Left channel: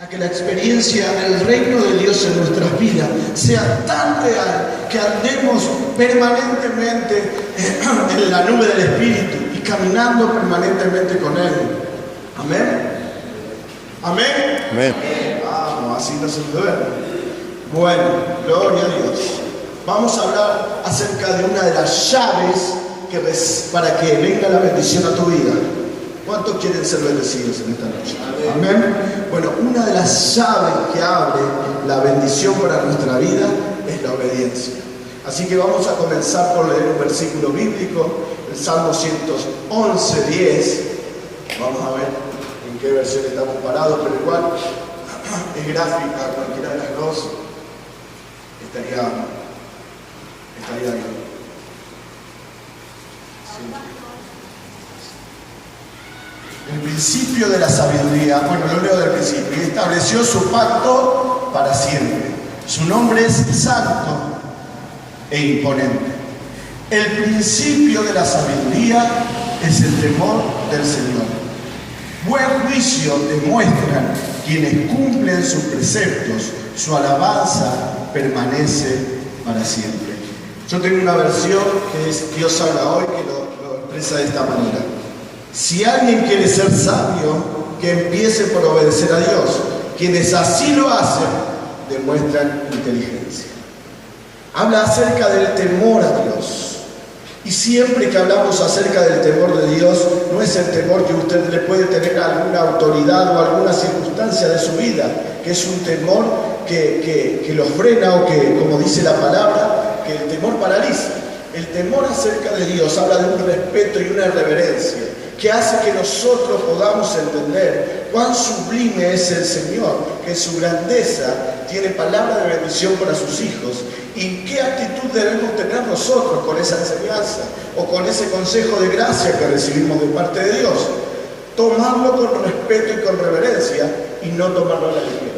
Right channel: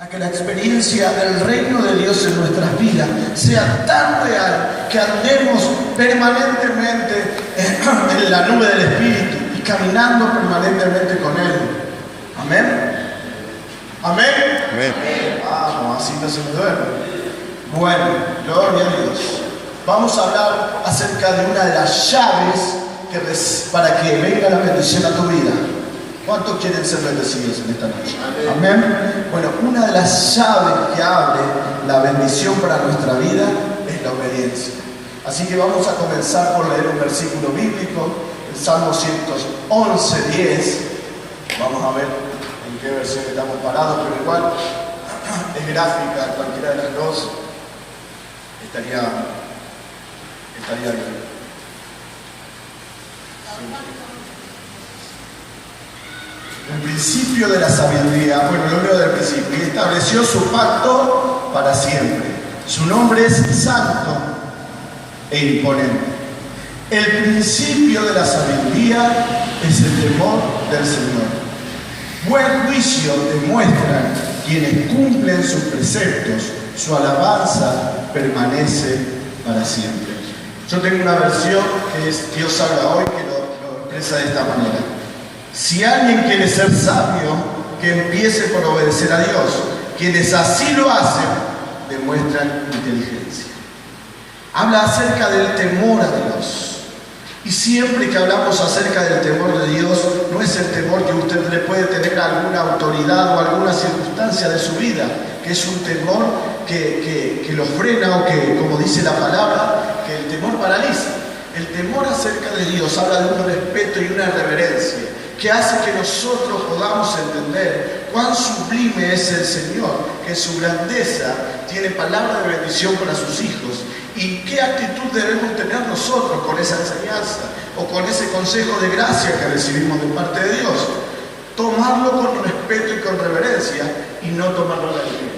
a que la experiencia del reino de Dios en nuestras vidas sea tan real que andemos permanentemente en la nube del Espíritu y caminando permanentemente con Él. Amén. Amén. Amén. Vamos, así no se me duerme. Bueno, gloria a Dios. Vamos a hablar acerca de una de las llaves para que venga la bendición a tu vida. ¿Cuántos quieren ser bendecidos en esta noche? Amén. Bueno, una de las llaves que abre la bendición para nuestra vida es la obediencia. Así que vamos a comenzar por leer un versículo bíblico, el Salmo 111:10. Vamos a ver en qué versión estamos parados, pero igual es gráfica, cualquiera de las dos estaría bien. El principio de la sabiduría, bueno, lo leo del principio, y estableció su pacto para siempre. Su nombre es santo e imponente. El principio de la sabiduría es el temor del Señor. Buen juicio demuestran quienes cumplen sus preceptos. Su alabanza permanece para siempre. Yo tengo una versión que es Dios habla hoy, que lo expresa de esta manera. Si alguien quiere ser sabio, que empiece por obedecer a Dios. Quienes así lo hacen, demuestran inteligencia. Habla acerca del temor a Dios. Y siempre que hablamos acerca del temor de Dios, no es el temor que usted le puede tener a alguna autoridad o a alguna circunstancia de su vida, que es un temor que lo frena o que, como dice la palabra, que el temor paraliza. El temor acerca de Dios habla de un respeto y una reverencia que hace que nosotros podamos entender cuán sublime es el Señor, que su grandeza tiene palabra de bendición para sus hijos, y qué actitud debemos tener nosotros con esa enseñanza o con ese consejo de gracia que recibimos de parte de Dios. Tomarlo con respeto y con reverencia y no tomarlo a la ligera.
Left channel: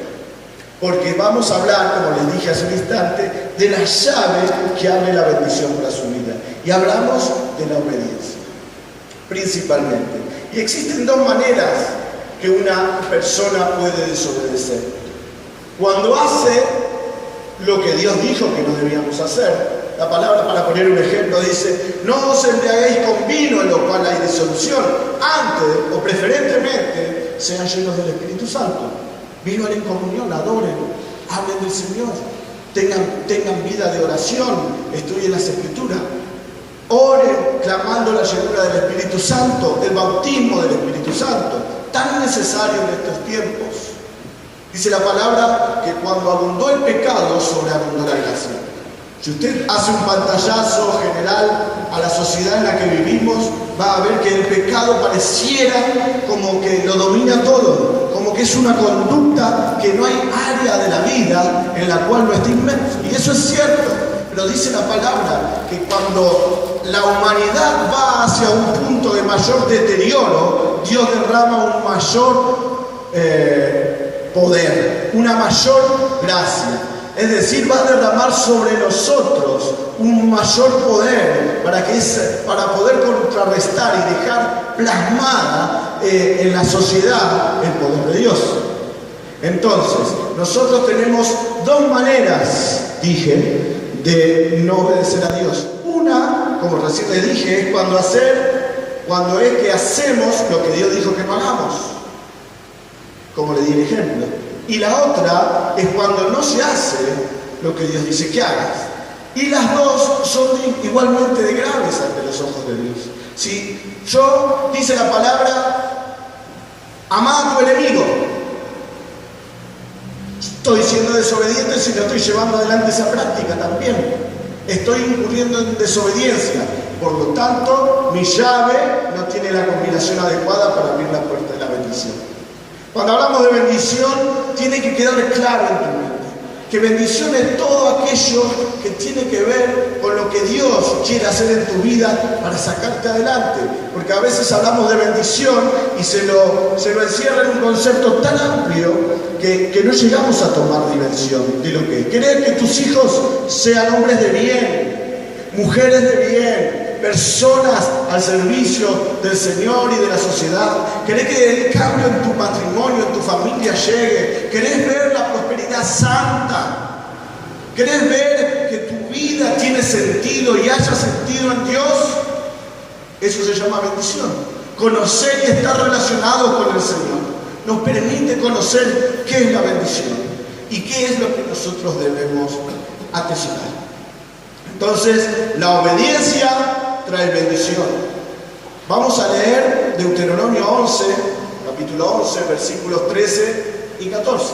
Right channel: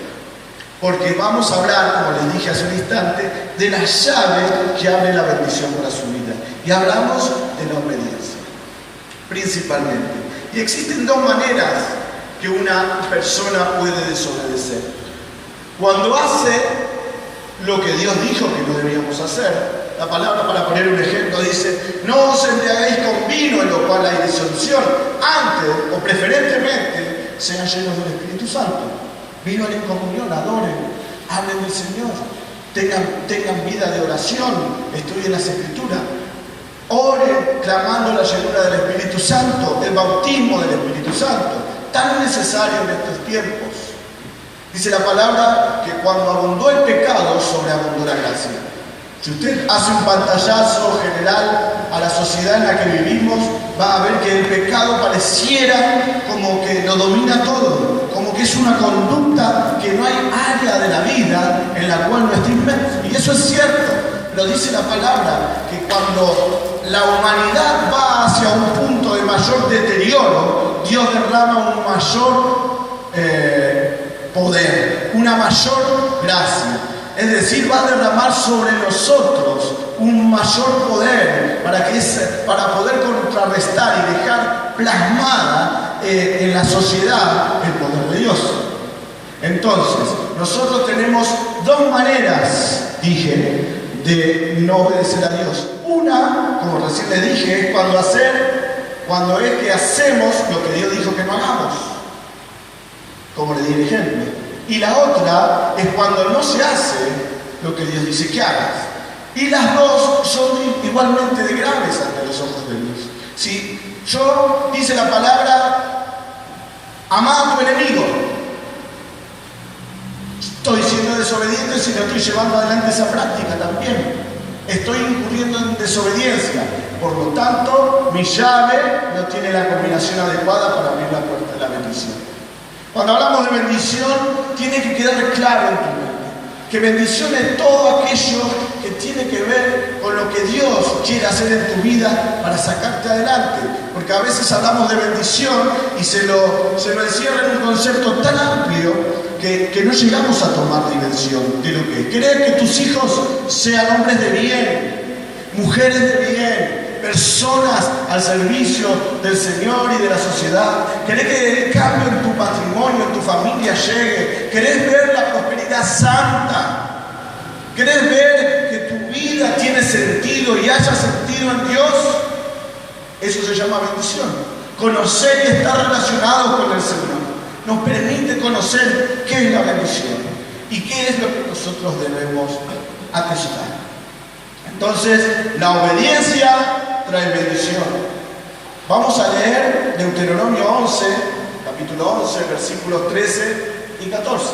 Porque vamos a hablar, como les dije hace un instante, de la llave que abre la bendición para su vida. Y hablamos de la obediencia, principalmente. Y existen dos maneras que una persona puede desobedecer. Cuando hace lo que Dios dijo que no debíamos hacer. La palabra, para poner un ejemplo, dice: no os embriaguéis con vino, en lo cual hay disolución. Antes, o preferentemente, sean llenos del Espíritu Santo. Vivan en comunión, adoren, hablen del Señor, tengan vida de oración, estudien las Escrituras, oren clamando la llenura del Espíritu Santo, el bautismo del Espíritu Santo, tan necesario en estos tiempos. Dice la palabra que cuando abundó el pecado, sobreabundó la gracia. Si usted hace un pantallazo general a la sociedad en la que vivimos, va a ver que el pecado pareciera como que lo domina todo, como que es una conducta que no hay área de la vida en la cual no está inmerso. Y eso es cierto, pero dice la palabra que cuando la humanidad va hacia un punto de mayor deterioro, Dios derrama un mayor poder, una mayor gracia. Es decir, va a derramar sobre nosotros un mayor poder para poder contrarrestar y dejar plasmada en la sociedad el poder de Dios. Entonces, nosotros tenemos dos maneras, dije, de no obedecer a Dios. Una, como recién les dije, es cuando es que hacemos lo que Dios dijo que no hagamos, como le di el ejemplo. Y la otra es cuando no se hace lo que Dios dice que hagas. Y las dos son igualmente de graves ante los ojos de Dios. Si yo, dice la palabra, amá a tu enemigo, estoy siendo desobediente si no estoy llevando adelante esa práctica también. Estoy incurriendo en desobediencia. Por lo tanto, mi llave no tiene la combinación adecuada para abrir la puerta de la bendición. Cuando hablamos de bendición, tiene que quedar claro en tu mente que bendición es todo aquello que tiene que ver con lo que Dios quiere hacer en tu vida para sacarte adelante. Porque a veces hablamos de bendición y se lo encierra en un concepto tan amplio que no llegamos a tomar dimensión de lo que es. Querer que tus hijos sean hombres de bien, mujeres de bien, personas al servicio del Señor y de la sociedad. ¿Querés que el cambio en tu matrimonio, en tu familia llegue? ¿Querés ver la prosperidad santa? ¿Querés ver que tu vida tiene sentido y haya sentido en Dios? Eso se llama bendición. Conocer y estar relacionado con el Señor nos permite conocer qué es la bendición y qué es lo que nosotros debemos atesorar. Entonces, la obediencia trae bendición. Vamos a leer Deuteronomio 11, capítulo 11, versículos 13 y 14.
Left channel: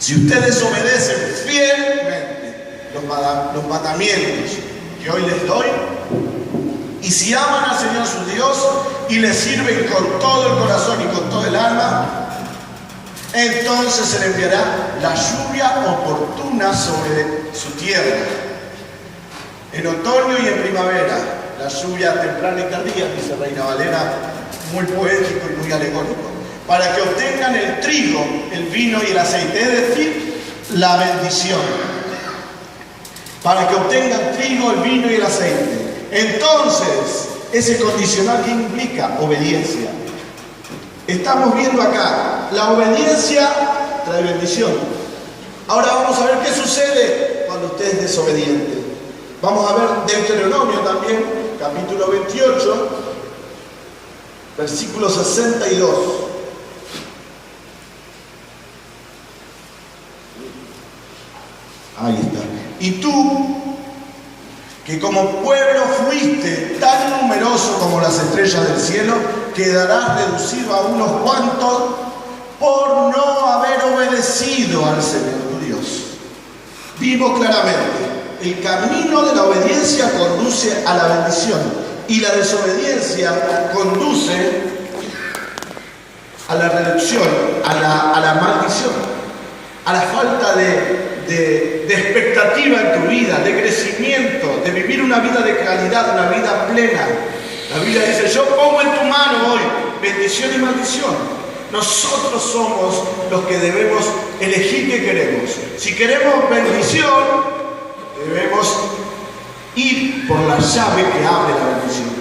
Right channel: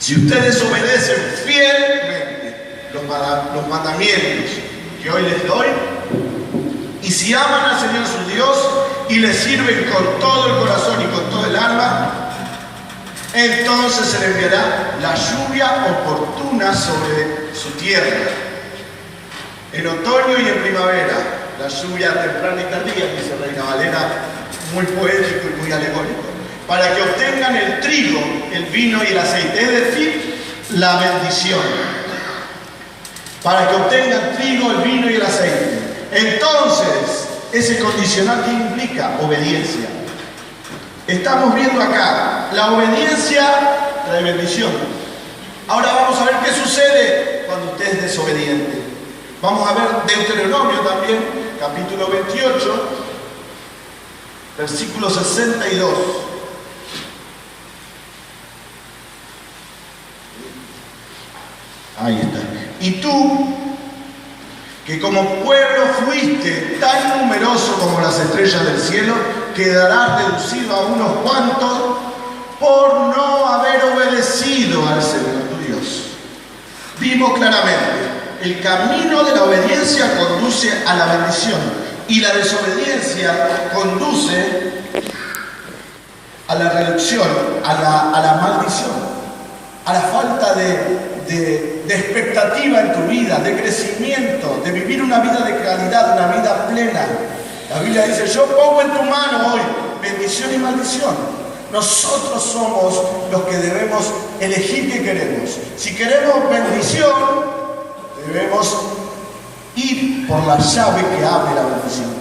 Si ustedes obedecen fielmente los mandamientos que hoy les doy, y si aman al Señor su Dios y le sirven con todo el corazón y con todo el alma, entonces se le enviará la lluvia oportuna sobre su tierra. En otoño y en primavera, la lluvia temprana y tardía, dice Reina Valera, muy poético y muy alegórico, para que obtengan el trigo, el vino y el aceite, es decir, la bendición. Para que obtengan trigo, el vino y el aceite. Entonces, ese condicional que implica obediencia. Estamos viendo acá, la obediencia trae bendición. Ahora vamos a ver qué sucede cuando usted es desobediente. Vamos a ver Deuteronomio también, capítulo 28, versículo 62. Ahí está. Y tú, que como pueblo fuiste tan numeroso como las estrellas del cielo, quedarás reducido a unos cuantos por no haber obedecido al Señor tu Dios. Vimos claramente, el camino de la obediencia conduce a la bendición y la desobediencia conduce a la reducción, a la maldición, a la falta de expectativa en tu vida, de crecimiento, de vivir una vida de calidad, una vida plena. La Biblia dice, yo pongo en tu mano hoy bendición y maldición. Nosotros somos los que debemos elegir qué queremos. Si queremos bendición, debemos ir por la llave que abre la bendición.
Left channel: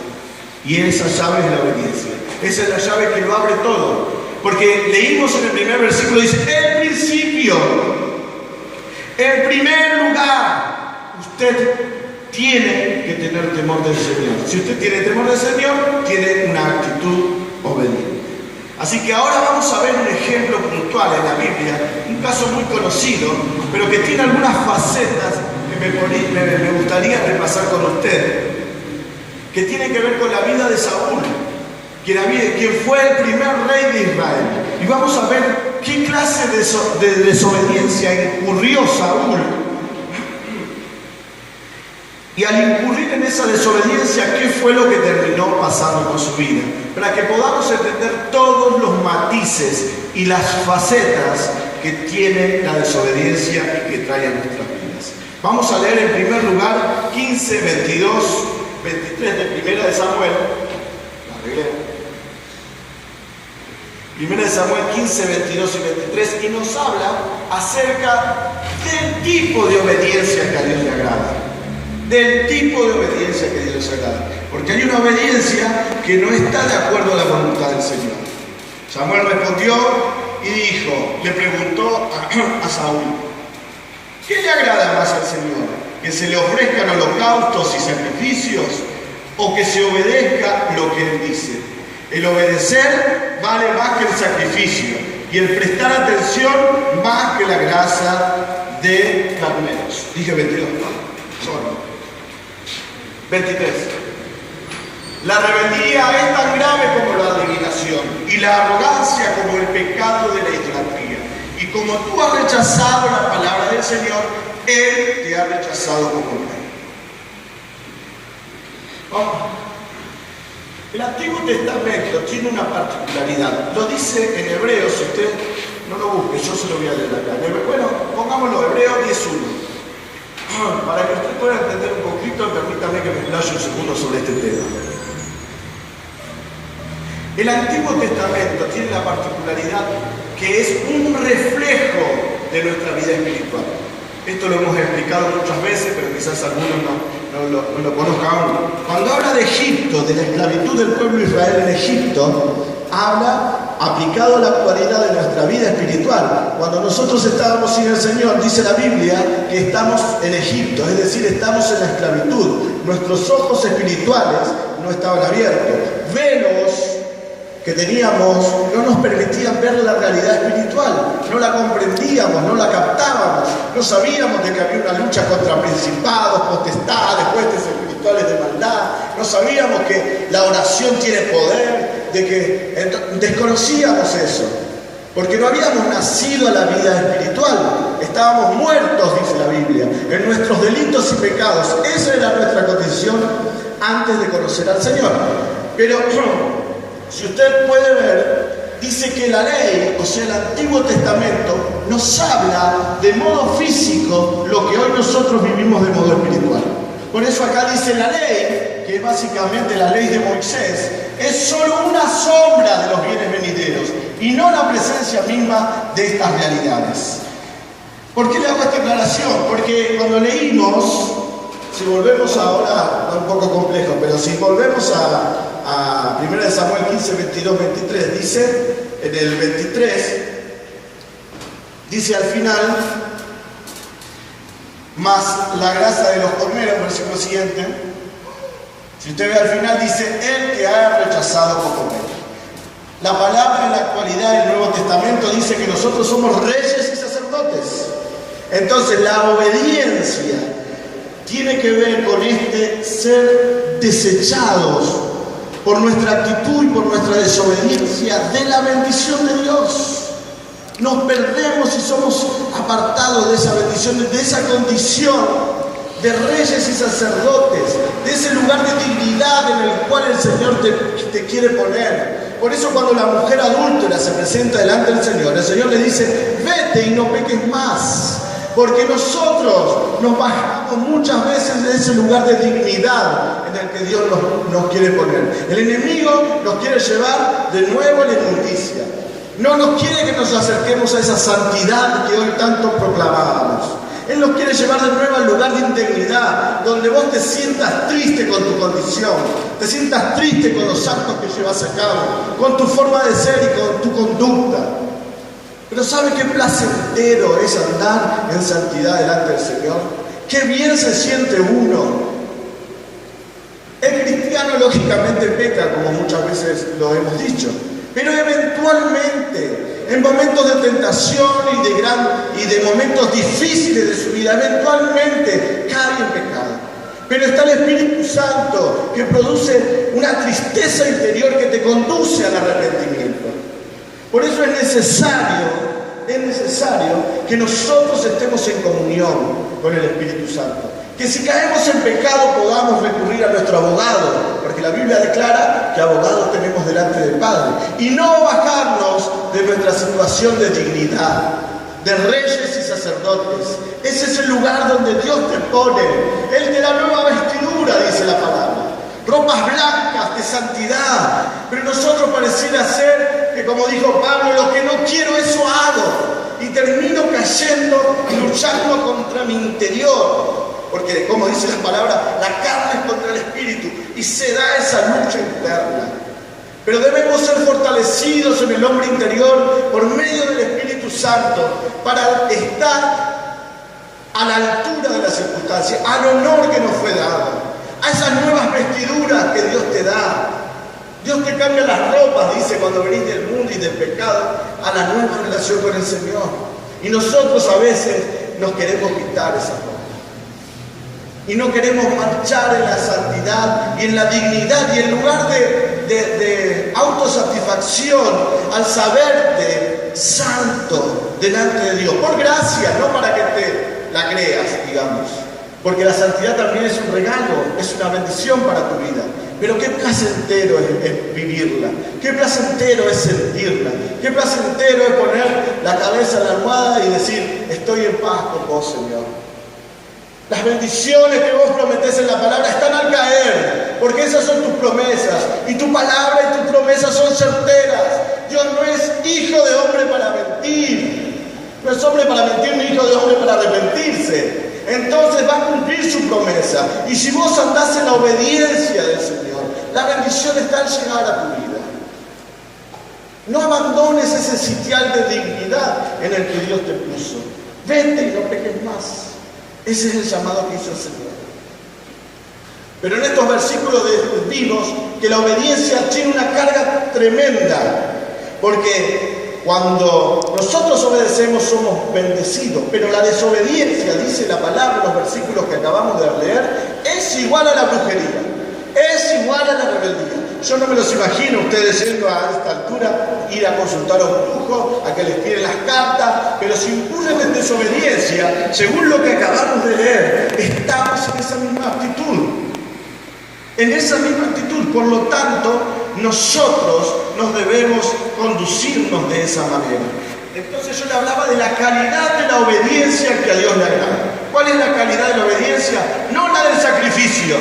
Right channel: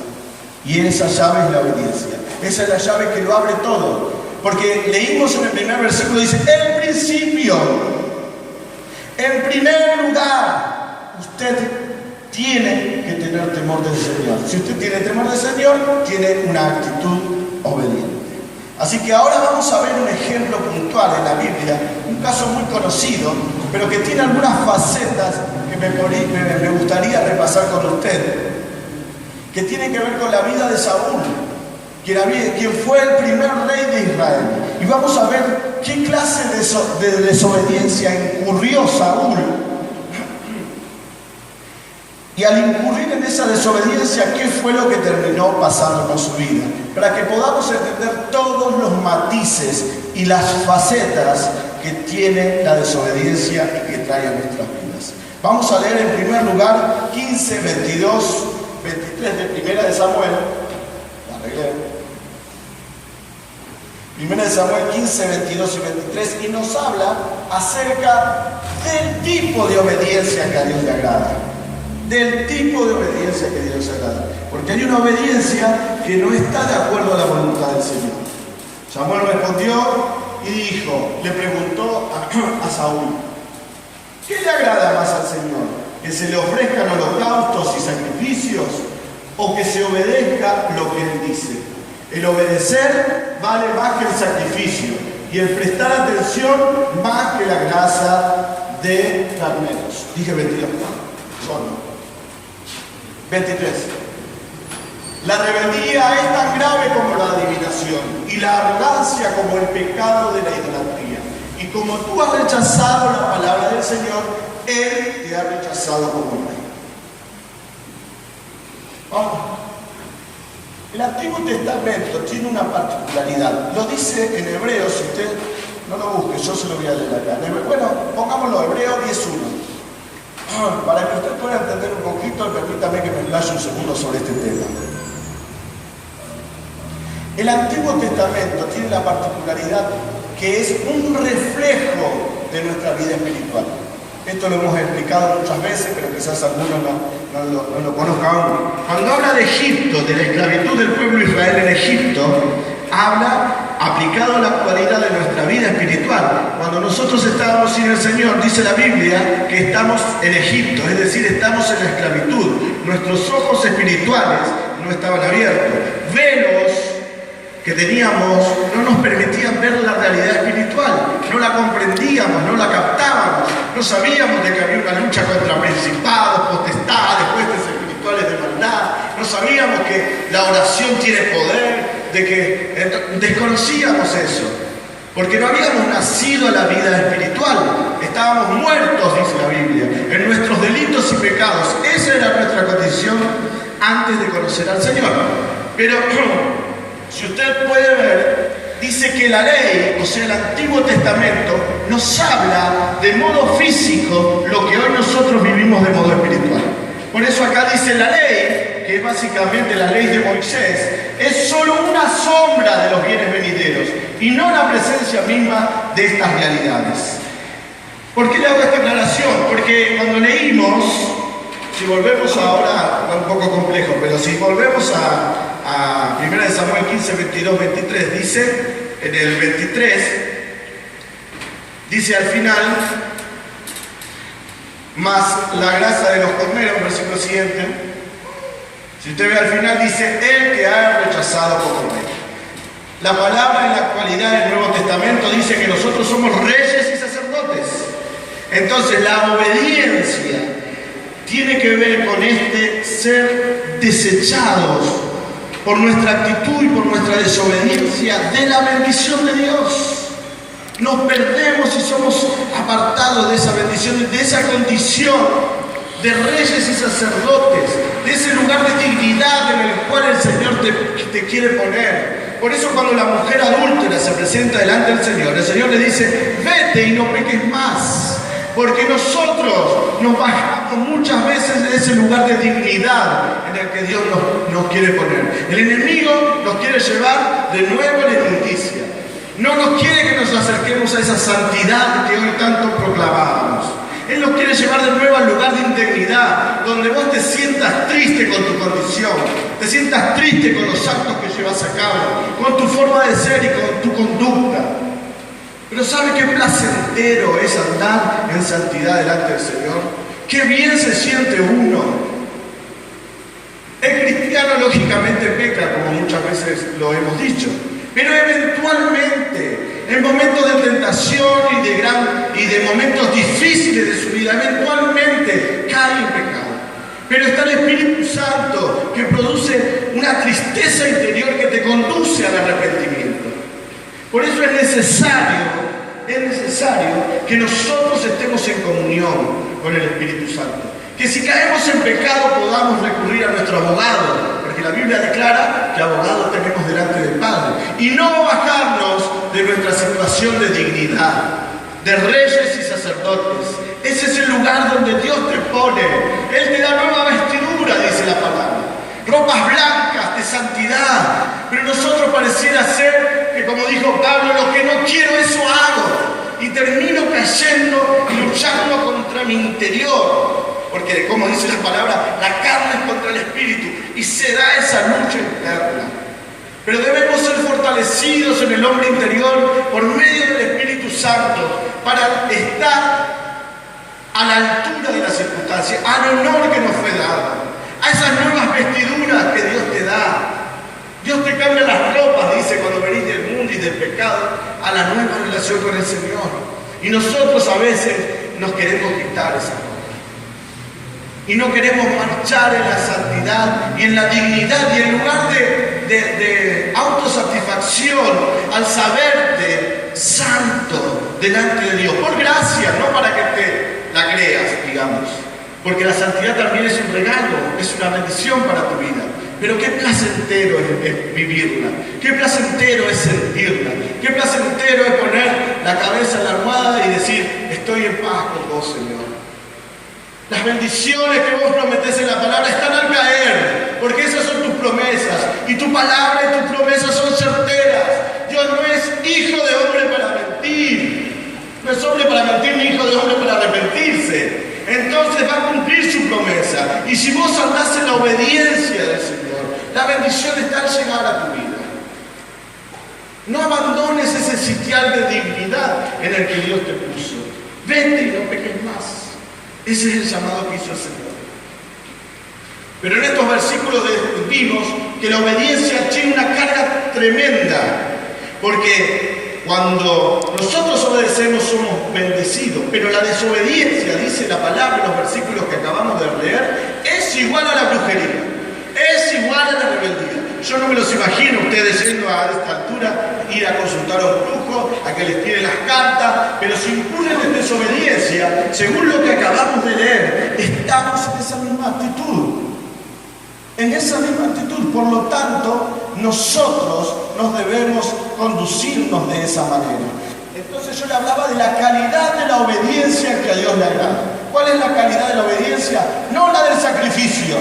Y esa llave es la obediencia. Esa es la llave que lo abre todo. Porque leímos en el primer versículo, dice, en principio, en primer lugar, usted tiene que tener temor del Señor. Si usted tiene temor del Señor, tiene una actitud obediente. Así que ahora vamos a ver un ejemplo puntual en la Biblia, un caso muy conocido, pero que tiene algunas facetas que me gustaría repasar con usted, que tiene que ver con la vida de Saúl, quien fue el primer rey de Israel. Y vamos a ver qué clase de desobediencia incurrió Saúl. Y al incurrir en esa desobediencia, ¿qué fue lo que terminó pasando con su vida? Para que podamos entender todos los matices y las facetas que tiene la desobediencia y que trae a nuestras vidas. Vamos a leer en primer lugar 15, 22, 23 de Primera de Samuel. La arreglé. Primera de Samuel 15, 22 y 23, y nos habla acerca del tipo de obediencia que a Dios le agrada. Del tipo de obediencia que a Dios le agrada. Porque hay una obediencia que no está de acuerdo a la voluntad del Señor. Samuel respondió y dijo, le preguntó a Saúl, ¿qué le agrada más al Señor? ¿Que se le ofrezcan holocaustos y sacrificios o que se obedezca lo que Él dice? El obedecer vale más que el sacrificio y el prestar atención más que la grasa de carneros. Dije 22, ¿no? Son 23. La rebeldía es tan grave como la adivinación y la arrogancia como el pecado de la idolatría. Y como tú has rechazado la palabra del Señor, Él te ha rechazado como rey. Vamos. El Antiguo Testamento tiene una particularidad. Lo dice en Hebreos, si usted no lo busque, yo se lo voy a leer acá. Bueno, pongámoslo, Hebreos 10.1. Para que usted pueda entender un poquito, permítame que me explaye un segundo sobre este tema. El Antiguo Testamento tiene la particularidad que es un reflejo de nuestra vida espiritual. Esto lo hemos explicado muchas veces, pero quizás algunos no lo conozcan aún. Cuando habla de Egipto, de la esclavitud del pueblo de Israel en Egipto, habla aplicado a la actualidad de nuestra vida espiritual. Cuando nosotros estábamos sin el Señor, dice la Biblia que estamos en Egipto, es decir, estamos en la esclavitud. Nuestros ojos espirituales no estaban abiertos. Velos que teníamos no nos permitían ver la realidad espiritual, no la comprendíamos, no la captábamos, no sabíamos de que había una lucha contra principados, potestades, huestes espirituales de maldad, no sabíamos que la oración tiene poder, de que desconocíamos eso, porque no habíamos nacido a la vida espiritual, estábamos muertos, dice la Biblia, en nuestros delitos y pecados. Esa era nuestra condición antes de conocer al Señor. Pero si usted puede ver, dice que la ley, o sea, el Antiguo Testamento, nos habla de modo físico lo que hoy nosotros vivimos de modo espiritual. Por eso acá dice la ley, que es básicamente la ley de Moisés, es solo una sombra de los bienes venideros y no la presencia misma de estas realidades. ¿Por qué le hago esta aclaración? Porque cuando leímos, si volvemos ahora, un poco complejo, pero si volvemos a 1 Samuel 15, 22, 23, dice, en el 23, dice al final, más la grasa de los corneros, versículo siguiente, si usted ve al final, dice, el que ha rechazado por cornero. La palabra en la actualidad del Nuevo Testamento dice que nosotros somos reyes y sacerdotes. Entonces la obediencia tiene que ver con ser desechados por nuestra actitud y por nuestra desobediencia de la bendición de Dios. Nos perdemos y somos apartados de esa bendición y de esa condición de reyes y sacerdotes, de ese lugar de dignidad en el cual el Señor te quiere poner. Por eso cuando la mujer adúltera se presenta delante del Señor, el Señor le dice, vete y no peques más. Porque nosotros nos bajamos muchas veces de ese lugar de dignidad en el que Dios nos quiere poner. El enemigo nos quiere llevar de nuevo a la inmundicia. No nos quiere que nos acerquemos a esa santidad que hoy tanto proclamábamos. Él nos quiere llevar de nuevo al lugar de integridad, donde vos te sientas triste con tu condición, te sientas triste con los actos que llevas a cabo, con tu forma de ser y con tu conducta. Pero ¿sabe qué placentero es andar en santidad delante del Señor? ¡Qué bien se siente uno! El cristiano lógicamente peca, como muchas veces lo hemos dicho, pero eventualmente, en momentos de tentación y de momentos difíciles de su vida, eventualmente cae en pecado. Pero está el Espíritu Santo que produce una tristeza interior que te conduce al arrepentimiento. Por eso es necesario que nosotros estemos en comunión con el Espíritu Santo. Que si caemos en pecado podamos recurrir a nuestro abogado, porque la Biblia declara que abogado tenemos delante del Padre. Y no bajarnos de nuestra situación de dignidad, de reyes y sacerdotes. Ese es el lugar donde Dios te pone. Él te da nueva vestidura, dice la palabra. Ropas blancas de santidad. Pero nosotros pareciera ser que, como dijo Pablo, lo que no quiero eso hago. Y termino cayendo y luchando contra mi interior. Porque, como dice la palabra, la carne es contra el espíritu. Y se da esa lucha interna. Pero debemos ser fortalecidos en el hombre interior por medio del Espíritu Santo para estar a la altura de las circunstancias, al honor que nos fue dado, a esas nuevas vestiduras que Dios te da. Dios te cambia las ropas, dice, cuando venís del mundo y del pecado, a la nueva relación con el Señor. Y nosotros a veces nos queremos quitar esas ropas. Y no queremos marchar en la santidad y en la dignidad, y en lugar de autosatisfacción, al saberte santo delante de Dios, por gracia, no para que te la creas, digamos. Porque la santidad también es un regalo, es una bendición para tu vida. Pero qué placentero es vivirla, qué placentero es sentirla, qué placentero es poner la cabeza en la almohada y decir, estoy en paz con vos, Señor. Las bendiciones que vos prometés en la palabra están al caer, porque esas son tus promesas, y tu palabra y tus promesas son certeras. Dios no es hijo de hombre para mentir. andás en la obediencia del Señor, la bendición está al llegar a tu vida. No abandones ese sitial de dignidad en el que Dios te puso. Vete y no peques más. Ese es el llamado que hizo el Señor. Pero en estos versículos vimos que la obediencia tiene una carga tremenda. Porque cuando nosotros obedecemos somos bendecidos. Pero la desobediencia, dice la palabra en los versículos que acabamos de leer, es igual a la brujería. Es igual a la rebeldía. Yo no me los imagino ustedes yendo a esta altura, ir a consultar a un brujo, a que les tire las cartas, pero si incurren en desobediencia, según lo que acabamos de leer, estamos en esa misma actitud. En esa misma actitud. Por lo tanto, nosotros nos debemos conducirnos de esa manera. Entonces yo le hablaba de la calidad de la obediencia que a Dios le agrada. ¿Cuál es la calidad de la obediencia? No la del sacrificio.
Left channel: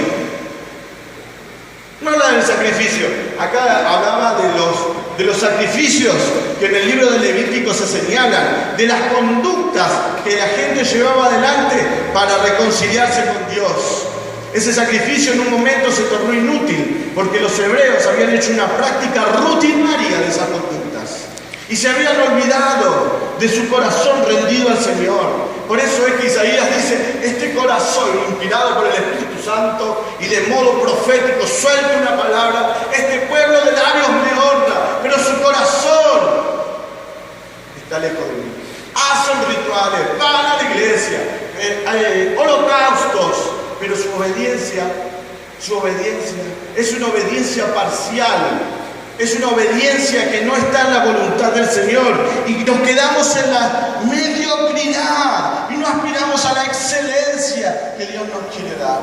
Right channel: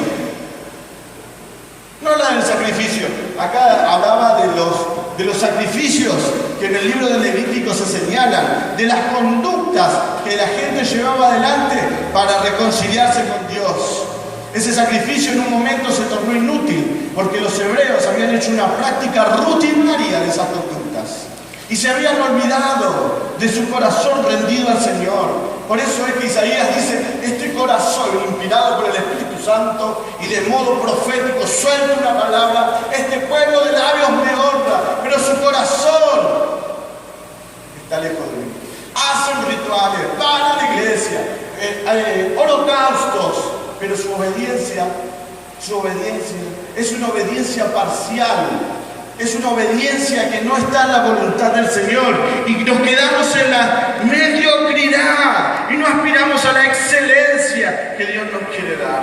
No la del sacrificio. Acá hablaba de los sacrificios que en el libro de Levítico se señalan, de las conductas que la gente llevaba adelante para reconciliarse con Dios. Ese sacrificio en un momento se tornó inútil, porque los hebreos habían hecho una práctica rutinaria de esas conductas. Y se habían olvidado de su corazón rendido al Señor. Por eso es que Isaías dice, este corazón inspirado por el Espíritu Santo y de modo profético suelta una palabra, este pueblo de labios me honra, pero su corazón está lejos de mí. Hacen rituales, van a la iglesia, holocaustos, pero su obediencia es una obediencia parcial. Es una obediencia que no está en la voluntad del Señor y nos quedamos en la mediocridad y no aspiramos a la excelencia que Dios nos quiere dar.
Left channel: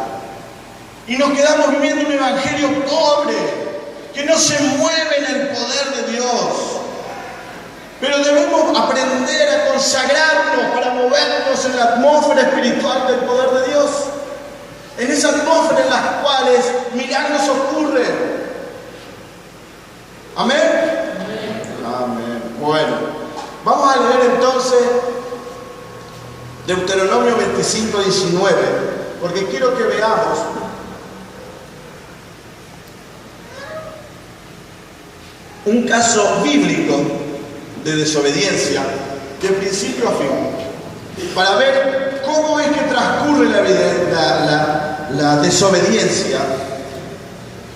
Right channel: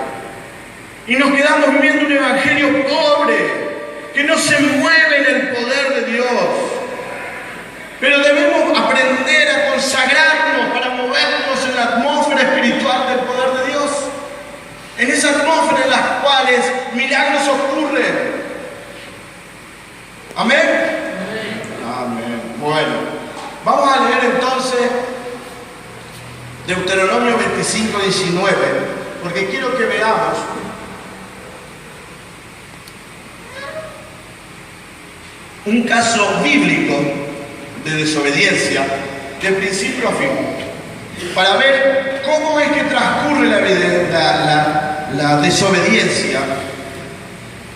Y nos quedamos viviendo un evangelio pobre que no se mueve en el poder de Dios. Pero debemos aprender a consagrarnos para movernos en la atmósfera espiritual del poder de Dios. En esa atmósfera en las cuales milagros ocurren. ¿Amén? Amén. Bueno, vamos a leer entonces Deuteronomio 25, 19, porque quiero que veamos un caso bíblico de desobediencia de principio a fin, para ver cómo es que transcurre la desobediencia.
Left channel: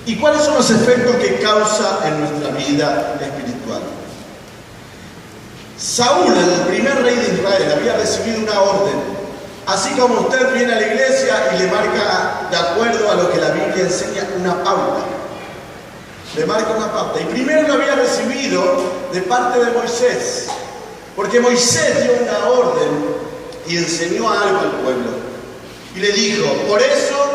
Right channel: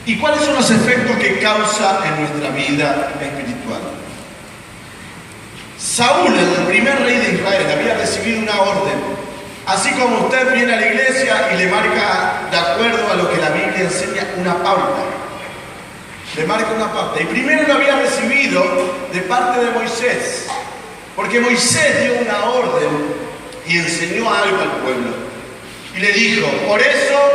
¿Y cuáles son los efectos que causa en nuestra vida espiritual? Saúl, el primer rey de Israel, había recibido una orden. Así como usted viene a la iglesia y le marca, de acuerdo a lo que la Biblia enseña, una pauta. Le marca una pauta. Y primero lo había recibido de parte de Moisés. Porque Moisés dio una orden y enseñó algo al pueblo. Y le dijo, por eso,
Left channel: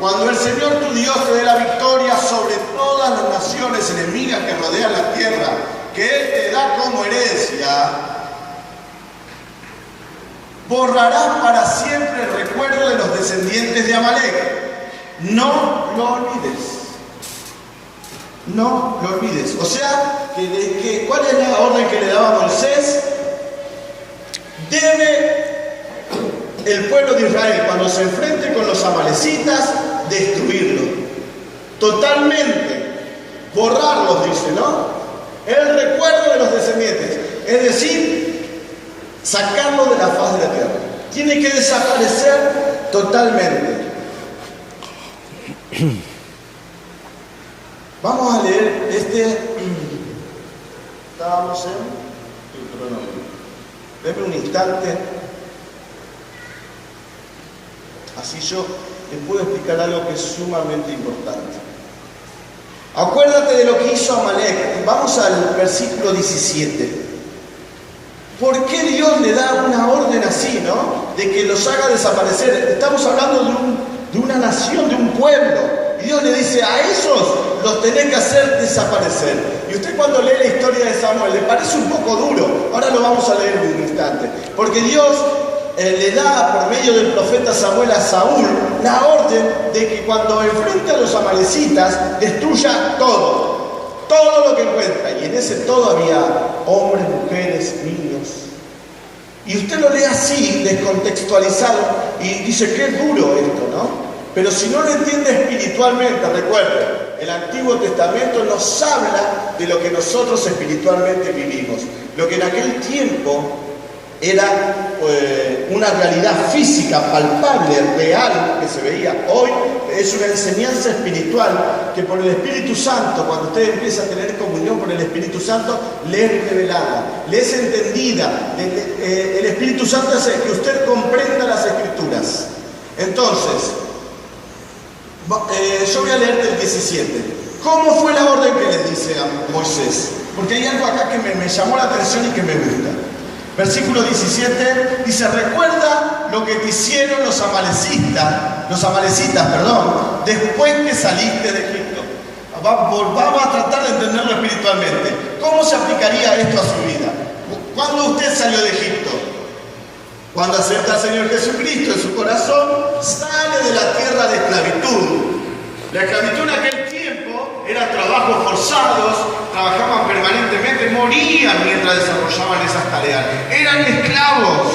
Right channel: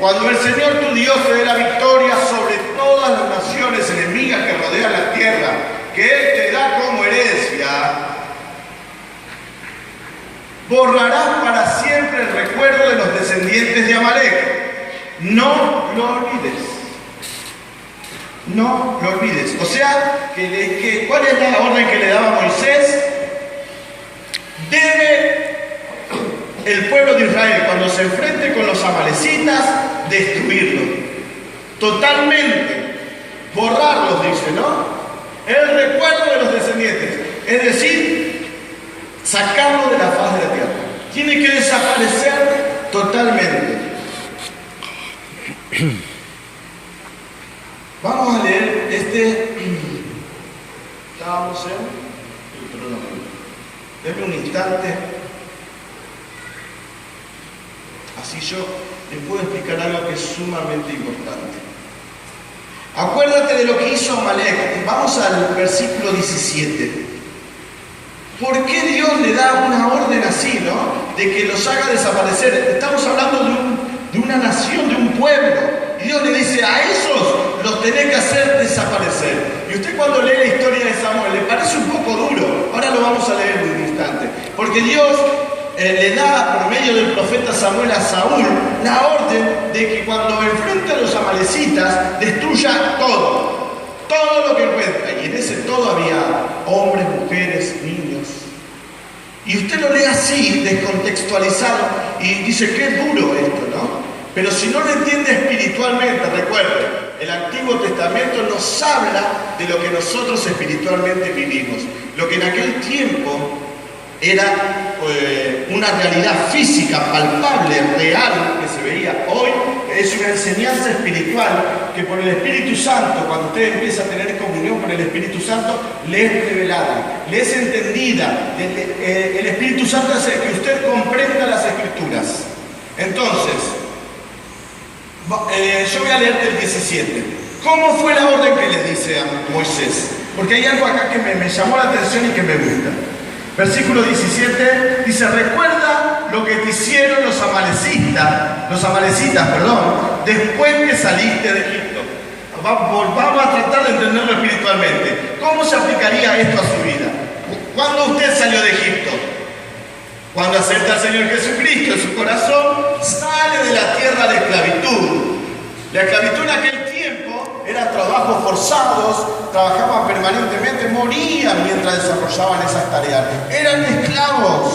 cuando el Señor tu Dios te dé la victoria sobre todas las naciones enemigas que rodean la tierra, que Él te da como herencia, borrarás para siempre el recuerdo de los descendientes de Amalek. No lo olvides. No lo olvides. O sea, ¿cuál es la orden que le daba Moisés? Debe el pueblo de Israel, cuando se enfrente con los amalecitas, destruirlo. Totalmente. Borrarlos, dice, ¿no? El recuerdo de los descendientes. Es decir, sacarlo de la faz de la tierra. Tiene que desaparecer totalmente. Vamos a leer estábamos en Deuteronomio. Denme un instante. Así yo les puedo explicar algo que es sumamente importante. Acuérdate de lo que hizo Amalek. Vamos al versículo 17. ¿Por qué Dios le da una orden así, no? De que los haga desaparecer. Estamos hablando de una nación, de un pueblo. Y Dios le dice, a esos los tenés que hacer desaparecer. Y usted cuando lee la historia de Samuel, le parece un poco duro. Ahora lo vamos a leer en un instante. Porque Dios le da por medio del profeta Samuel a Saúl la orden de que cuando enfrente a los amalecitas destruya todo lo que encuentra. Y en ese todo había hombres, mujeres, niños. Y usted lo lee así, descontextualizado, y dice, qué duro esto, ¿no? Pero si no lo entiende espiritualmente, recuerde, el Antiguo Testamento nos habla de lo que nosotros espiritualmente vivimos. Lo que en aquel tiempo era una realidad física, palpable, real, que se veía. Hoy es una enseñanza espiritual que por el Espíritu Santo, cuando usted empieza a tener comunión con el Espíritu Santo, le es revelada, le es entendida. El Espíritu Santo hace que usted comprenda las Escrituras. Entonces, yo voy a leerte el 17. ¿Cómo fue la orden que le dice a Moisés? Porque hay algo acá que me llamó la atención y que me gusta. Versículo 17 dice: recuerda lo que te hicieron los amalecitas, después que saliste de Egipto. Vamos a tratar de entenderlo espiritualmente. ¿Cómo se aplicaría esto a su vida? ¿Cuándo usted salió de Egipto? Cuando acepta al Señor Jesucristo en su corazón, sale de la tierra de esclavitud. La esclavitud en aquel tiempo eran trabajos forzados, trabajaban permanentemente, morían mientras desarrollaban esas tareas. Eran esclavos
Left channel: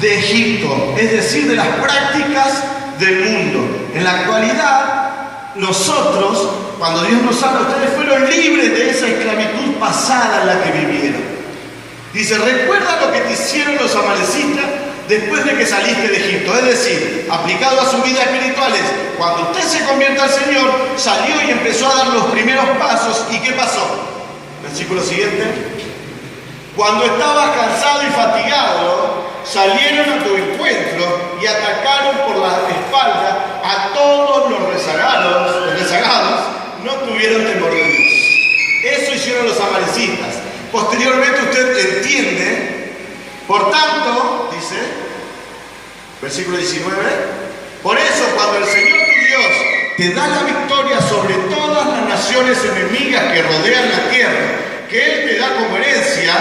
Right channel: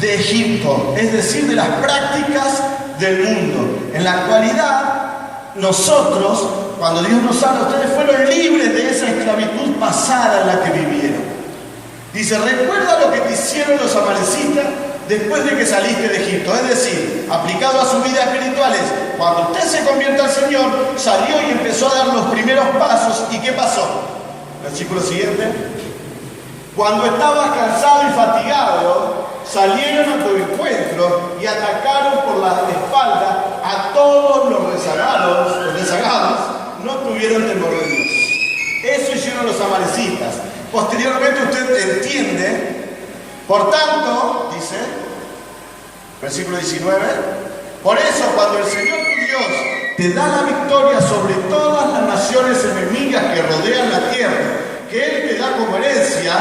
de Egipto, es decir, de las prácticas del mundo. En la actualidad, nosotros, cuando Dios nos habla, ustedes fueron libres de esa esclavitud pasada en la que vivieron. Dice: recuerda lo que te hicieron los amalecitas después de que saliste de Egipto. Es decir, aplicado a su vida espiritual, cuando usted se convierte al Señor, salió y empezó a dar los primeros pasos. ¿Y qué pasó? Versículo siguiente. Cuando estabas cansado y fatigado, salieron a tu encuentro y atacaron por la espalda a todos los rezagados. Los rezagados no tuvieron temor de Dios. Eso hicieron los amalecitas. Posteriormente usted entiende, por tanto, dice, versículo 19, por eso cuando el Señor tu Dios te da la victoria sobre todas las naciones enemigas que rodean la tierra, que Él te da como herencia,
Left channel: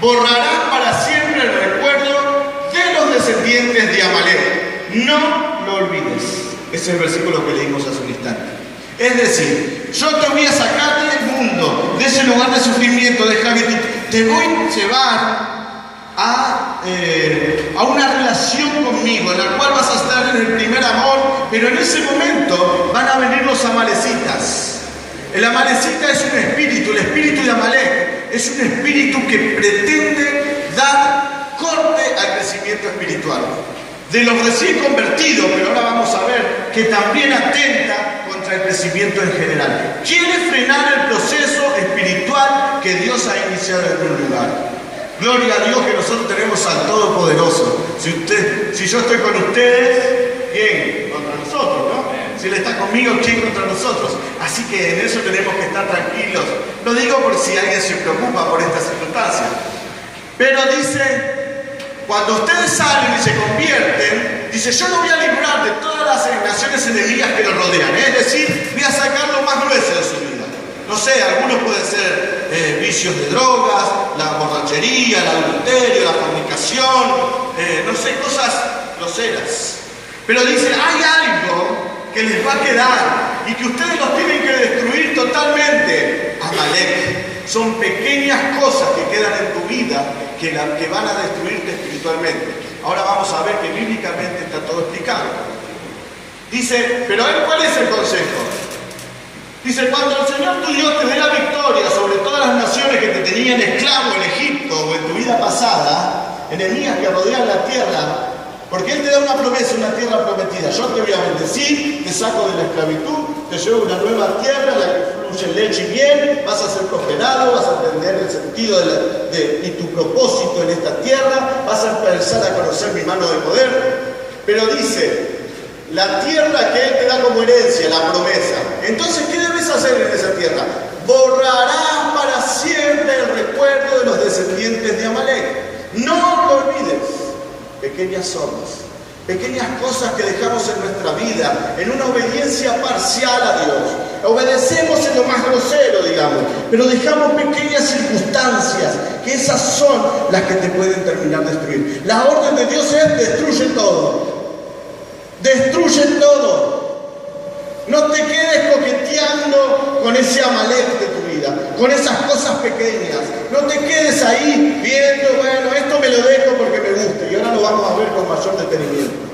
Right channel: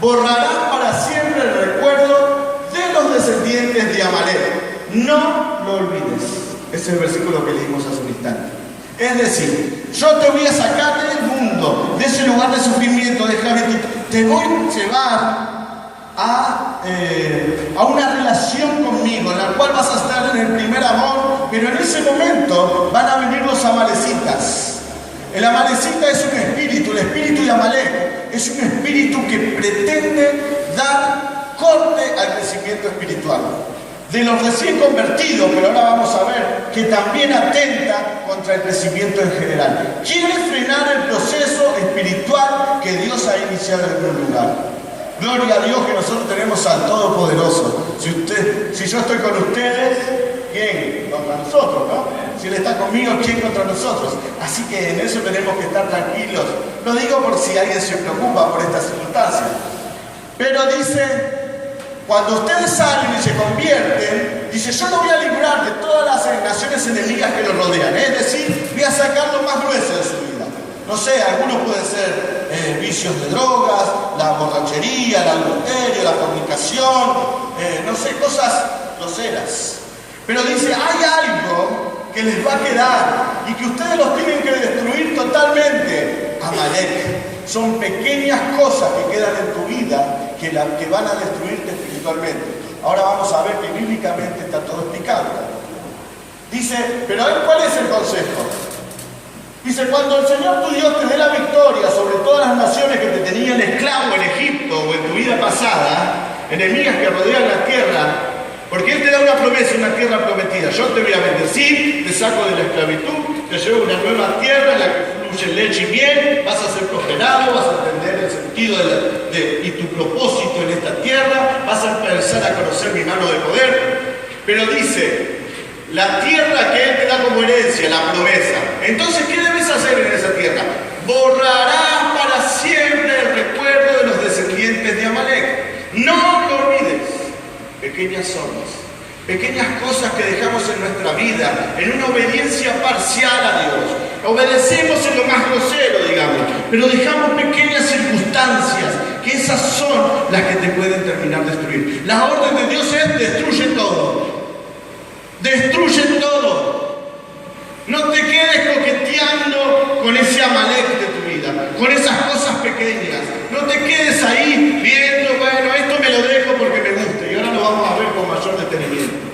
borrará para siempre el recuerdo de los descendientes de Amalek. No lo olvides. Ese es el versículo que leímos hace un instante. Es decir, yo te voy a sacar del mundo, de ese lugar de sufrimiento, de esclavitud. Te voy a llevar a una relación conmigo, en la cual vas a estar en el primer amor, pero en ese momento van a venir los amalecitas. El amalecita es un espíritu, el espíritu de Amalek es un espíritu que pretende dar corte al crecimiento espiritual. De los recién convertidos, pero ahora vamos a ver que también atenta contra el crecimiento en general. Quiere frenar el proceso espiritual que Dios ha iniciado en un lugar. Gloria a Dios que nosotros tenemos al Todopoderoso. Si yo estoy con ustedes, ¿quién? Contra nosotros, ¿no? Si Él está conmigo, ¿quién contra nosotros? Así que en eso tenemos que estar tranquilos. No digo por si alguien se preocupa por esta circunstancia, pero dice: cuando ustedes salen y se convierten, dice, yo lo voy a librar de todas las naciones enemigas que lo rodean. Es decir, voy a sacar lo más grueso de su vida. No sé, algunos pueden ser vicios de drogas, la borrachería, el adulterio, la fornicación, no sé, cosas groseras. Pero dice, hay algo que les va a quedar y que ustedes los tienen que destruir totalmente. Amalek. Son pequeñas cosas que quedan en tu vida que van a destruirte espiritualmente. Ahora vamos a ver que bíblicamente está todo explicado. Dice, pero ¿cuál es el consejo? Dice, cuando el Señor tu Dios te dé la victoria sobre todas las naciones que te tenían esclavo en Egipto o en tu vida pasada, enemigas que rodean la tierra, porque Él te da una promesa, una tierra prometida. Yo te voy a bendecir, te saco de la esclavitud, te llevo a una nueva tierra en la que fluye leche y miel, vas a ser prosperado, vas a entender el sentido y tu propósito en esta tierra, vas a empezar a conocer mi mano de poder. Pero dice, la tierra que Él te da como herencia, la promesa. Entonces, ¿qué debes hacer en esa tierra? Borrarás para siempre el recuerdo de los descendientes de Amalek. No lo olvides. Pequeñas zonas, pequeñas cosas que dejamos en nuestra vida, en una obediencia parcial a Dios. Obedecemos en lo más grosero, digamos, pero dejamos pequeñas circunstancias, que esas son las que te pueden terminar destruir. La orden de Dios es: destruye todo. Destruye todo. No te quedes coqueteando con ese Amalek de tu vida, con esas cosas pequeñas. No te quedes ahí viendo, bueno, esto me lo dejo porque me gusta. Y ahora lo vamos a ver con mayor detenimiento.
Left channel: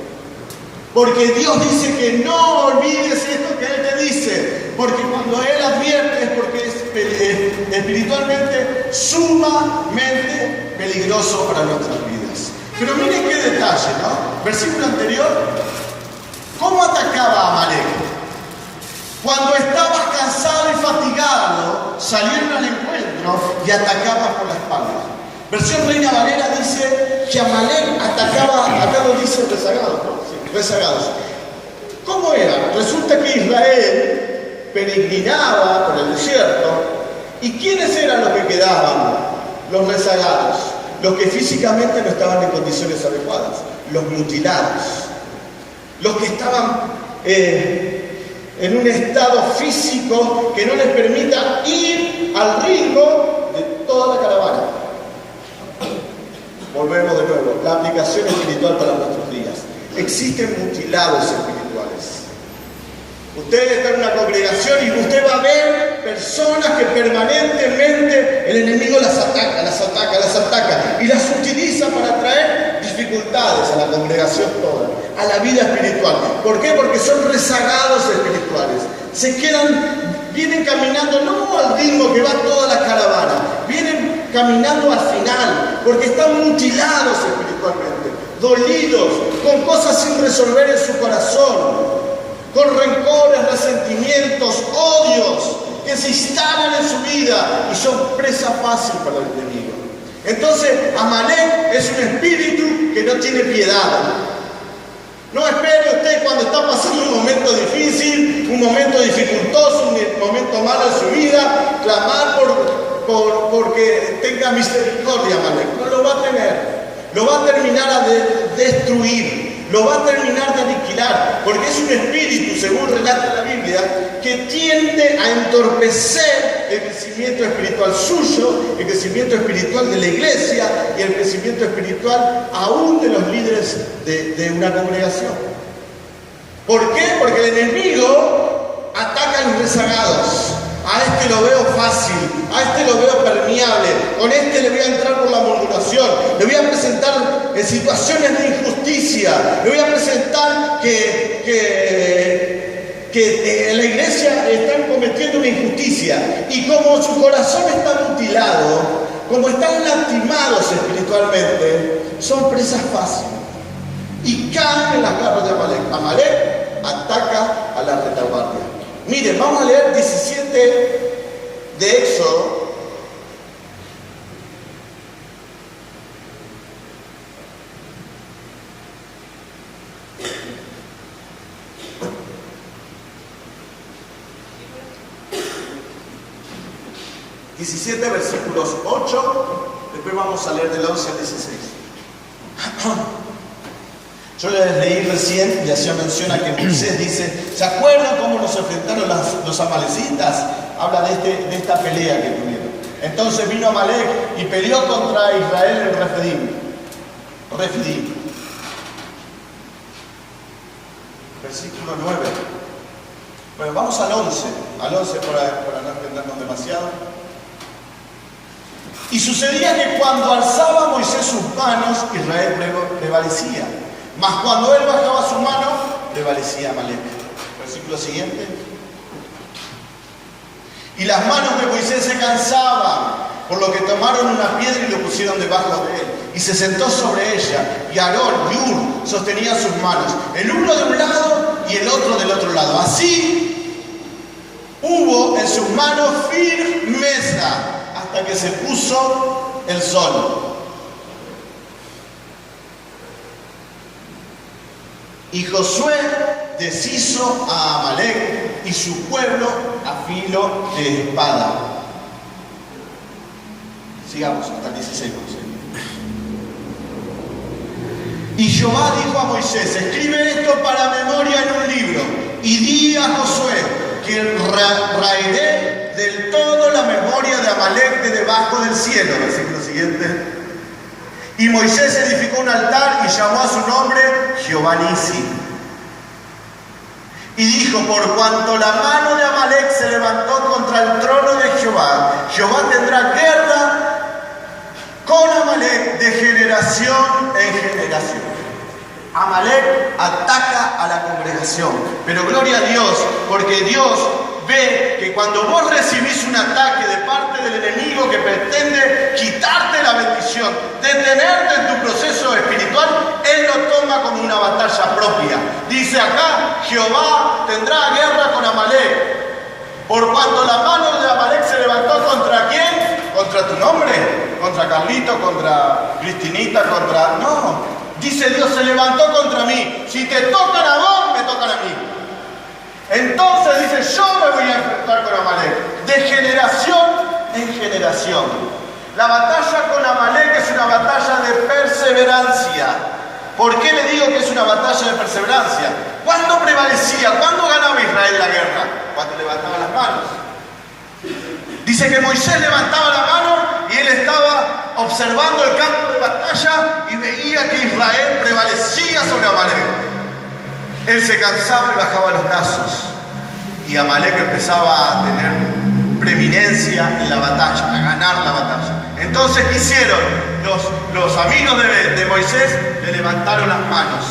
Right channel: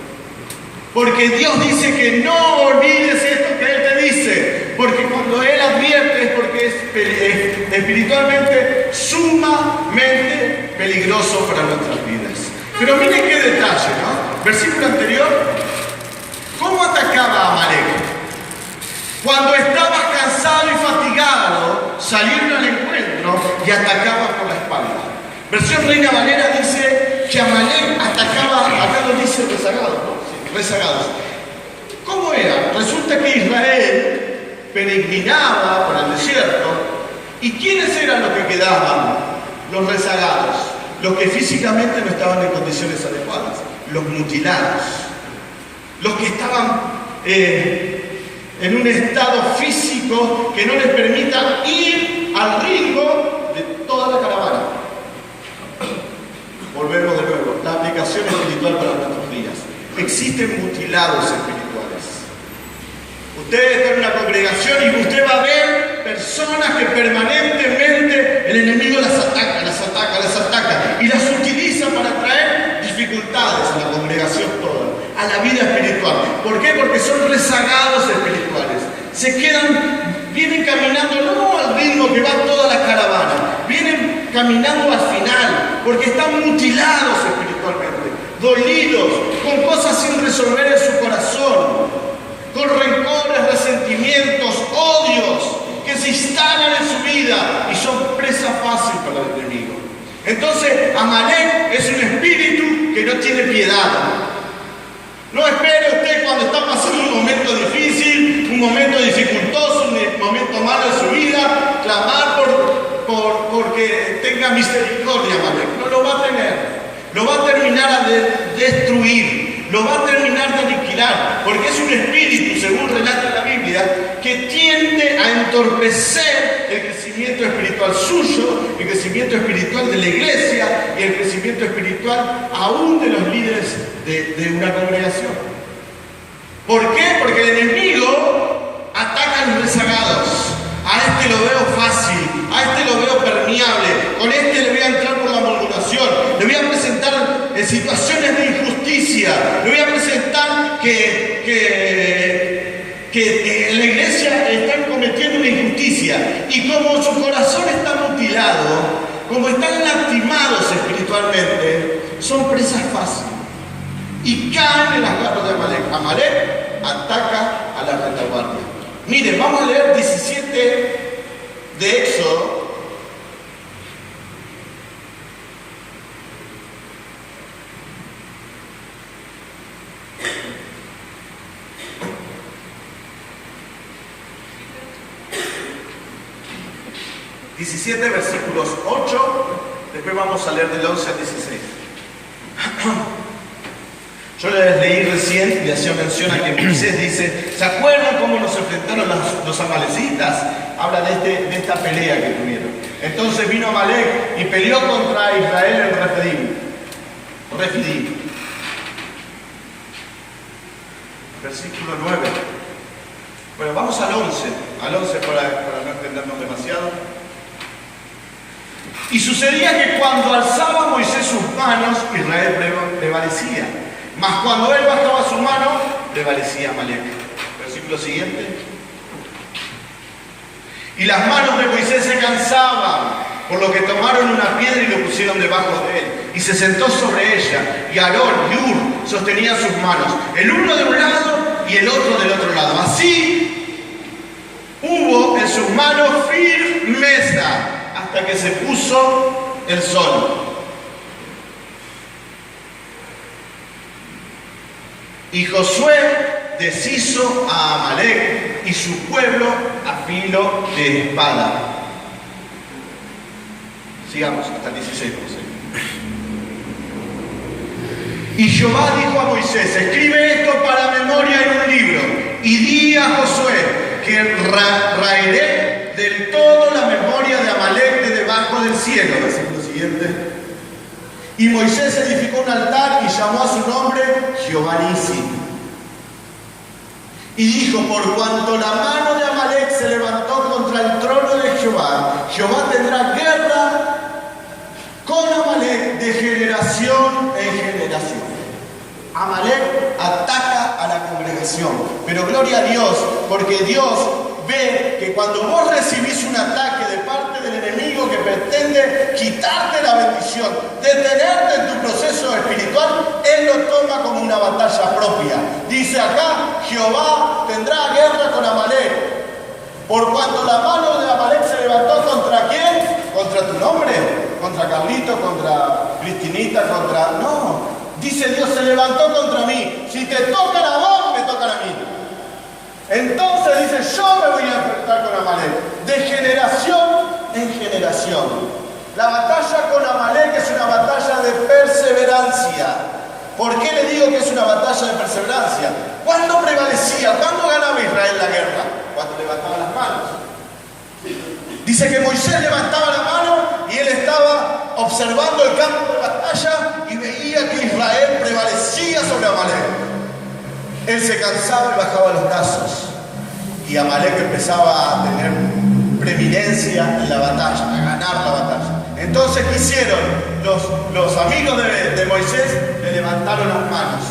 Porque Dios dice que no olvides esto que Él te dice. Porque cuando Él advierte es porque es espiritualmente sumamente peligroso para nuestras vidas. Pero miren qué detalle, ¿no? Versículo anterior. ¿Cómo atacaba a Amalek? Cuando estabas cansado y fatigado, salieron al encuentro y atacaban por la espalda. Versión Reina Valera dice que Amalek atacaba, acá lo dice rezagados, ¿no? Sí, rezagados. ¿Cómo era? Resulta que Israel peregrinaba por el desierto. ¿Y quiénes eran los que quedaban? Los rezagados, los que físicamente no estaban en condiciones adecuadas, los mutilados, los que estaban en un estado físico que no les permita ir al ritmo de toda la caravana. Volvemos de nuevo, la aplicación espiritual para nuestros días. Existen mutilados espirituales. Usted está en una congregación y usted va a ver personas que permanentemente el enemigo las ataca y las utiliza para traer dificultades a la congregación toda, a la vida espiritual. ¿Por qué? Porque son rezagados espirituales. Vienen caminando no al ritmo que va toda la caravana, vienen caminando al final, porque están mutilados espiritualmente, dolidos, con cosas sin resolver en su corazón, con rencores, resentimientos, odios que se instalan en su vida y son presa fácil para el enemigo. Entonces, Amalek es un espíritu que no tiene piedad. No espere usted cuando está pasando un momento difícil, un momento dificultoso, un momento malo en su vida, clamar porque tenga misericordia, Amalek. No lo va a tener. Lo va a terminar de destruir, lo va a terminar de aniquilar, porque es un espíritu, según relata la Biblia, que tiende a entorpecer el crecimiento espiritual suyo, el crecimiento espiritual de la iglesia y el crecimiento espiritual aún de los líderes de una congregación. ¿Por qué? Porque el enemigo ataca a los rezagados. A este lo veo fácil, a este lo veo permeable, con este le voy a entrar por la murmuración, le voy a presentar situaciones de injusticia, le voy a presentar que en la iglesia están cometiendo una injusticia, y como su corazón está mutilado, como están lastimados espiritualmente, son presas fáciles y caen en las garras de Amalek. Amalek ataca a la retaguardia. Miren, vamos a leer 17 de Éxodo. Versículos 8, después vamos a leer del 11 al 16. Yo les leí recién y hacía mención a que Moisés dice, ¿se acuerdan cómo nos enfrentaron los amalecitas? Habla de esta pelea que tuvieron. Entonces vino Amalek y peleó contra Israel en Refidim. Versículo 9. Bueno, vamos al 11 para no extendernos demasiado. Y sucedía que cuando alzaba Moisés sus manos, Israel prevalecía. Mas cuando él bajaba su mano, prevalecía Amalek. Versículo siguiente. Y las manos de Moisés se cansaban, por lo que tomaron una piedra y lo pusieron debajo de él. Y se sentó sobre ella. Y Aarón y Hur sostenían sus manos, el uno de un lado y el otro del otro lado. Así hubo en sus manos firmeza hasta que se puso el sol. Y Josué deshizo a Amalek y su pueblo a filo de espada. Sigamos hasta el 16. Y Jehová dijo a Moisés, escribe esto para memoria en un libro, y di a Josué que raeré del todo la memoria de Amalek de debajo del cielo. Versículo siguiente. Y Moisés edificó un altar y llamó a su nombre Jehová Nisi. Y dijo, por cuanto la mano de Amalek se levantó contra el trono de Jehová, Jehová tendrá guerra con Amalek de generación en generación. Amalek ataca a la congregación, pero gloria a Dios, porque Dios ve que cuando vos recibís un ataque de parte del enemigo que pretende quitarte la bendición, detenerte en tu proceso espiritual, Él lo toma como una batalla propia. Dice acá, Jehová tendrá guerra con Amalek. Por cuanto la mano de Amalek se levantó ¿contra quién? ¿Contra tu nombre? ¿Contra Carlito? ¿Contra Cristinita? ¿Contra...? No. Dice Dios, se levantó contra mí. Si te tocan a vos, me tocan a mí. Entonces dice, yo me voy a enfrentar con Amalek. De generación en generación. La batalla con Amalek es una batalla de perseverancia. ¿Por qué le digo que es una batalla de perseverancia? ¿Cuándo prevalecía? ¿Cuándo ganaba Israel la guerra? Cuando levantaba las manos. Dice que Moisés levantaba la mano y él estaba observando el campo de batalla y veía que Israel prevalecía sobre Amalek. Él se cansaba y bajaba los brazos. Y Amalek empezaba a tener preeminencia en la batalla, a ganar la batalla. Entonces, ¿qué hicieron? Los amigos de Moisés le levantaron las manos.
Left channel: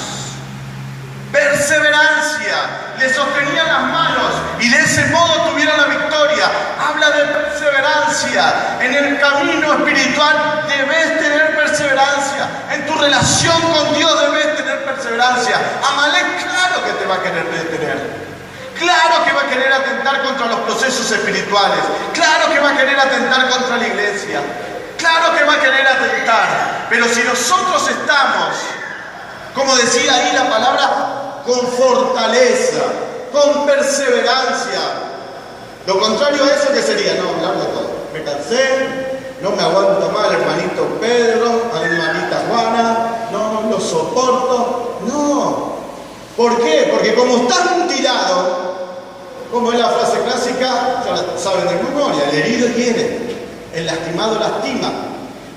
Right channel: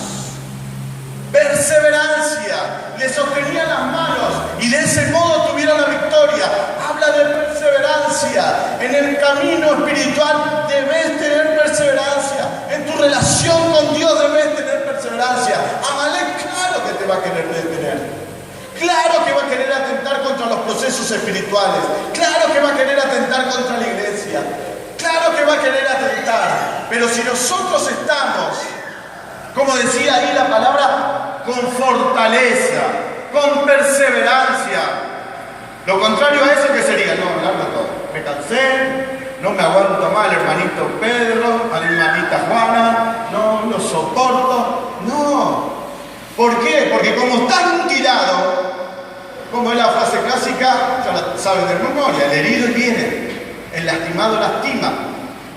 Perseverancia, le sostenían las manos y de ese modo tuvieron la victoria. Habla de perseverancia. En el camino espiritual debes tener perseverancia. En tu relación con Dios debes tener perseverancia. Amalek, claro que te va a querer detener. Claro que va a querer atentar contra los procesos espirituales. Claro que va a querer atentar contra la iglesia. Claro que va a querer atentar. Pero si nosotros estamos, como decía ahí la palabra, con fortaleza, con perseverancia. Lo contrario a eso, ¿qué sería? No, largo todo. Me cansé, no me aguanto más al hermanito Pedro, a la hermanita Juana, no lo soporto. No. ¿Por qué? Porque como estás mutilado, como es la frase clásica, ya la saben de memoria, el herido hiere, el lastimado lastima.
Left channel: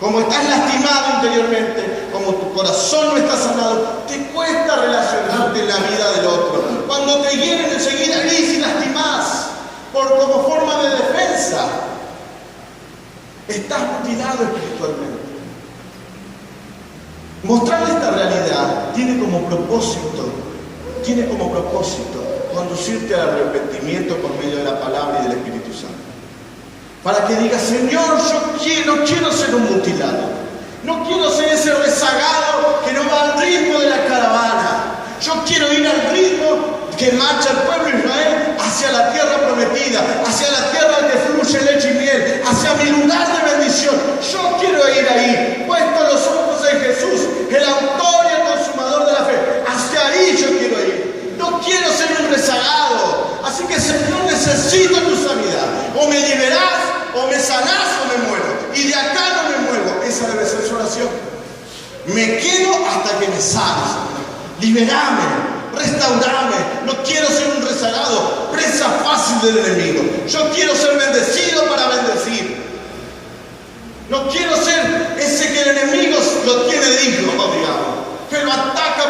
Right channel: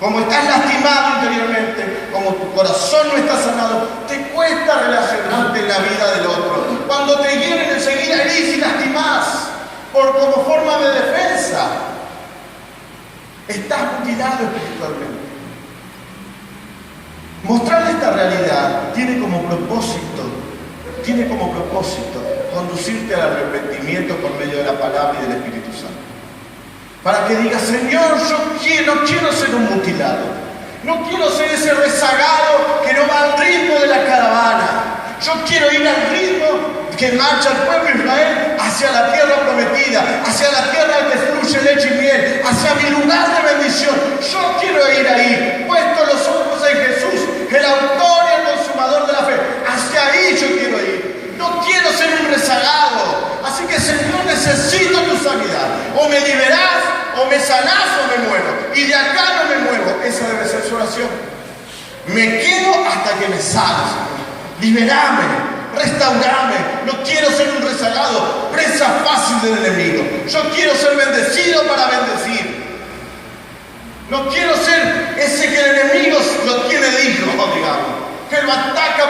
Como estás lastimado interiormente, como tu corazón no está sanado, te cuesta relacionarte en la vida del otro. Cuando te hieren enseguida herís y lastimás, como forma de defensa. Estás mutilado espiritualmente. Mostrar esta realidad tiene como propósito conducirte al arrepentimiento por medio de la palabra y del Espíritu Santo. Para que digas, Señor, yo no quiero ser un mutilado. No quiero ser ese rezagado que no va al ritmo de la caravana. Yo quiero ir al ritmo que marcha el pueblo de Israel hacia la tierra prometida, hacia la tierra que fluye leche y miel, hacia mi lugar de bendición. Yo quiero ir ahí, puesto los ojos en Jesús, el autor y el consumador de la fe. Hacia ahí yo quiero ir. No quiero ser un rezagado. Así que, Señor, necesito tu sanidad. O me liberás, o me sanás, o me muero. Y de acá no me muevo. Esa debe ser su oración. Me quedo hasta que me sanes. Liberame, restaurame. No quiero ser un rezagado, presa fácil del enemigo. Yo quiero ser bendecido para bendecir.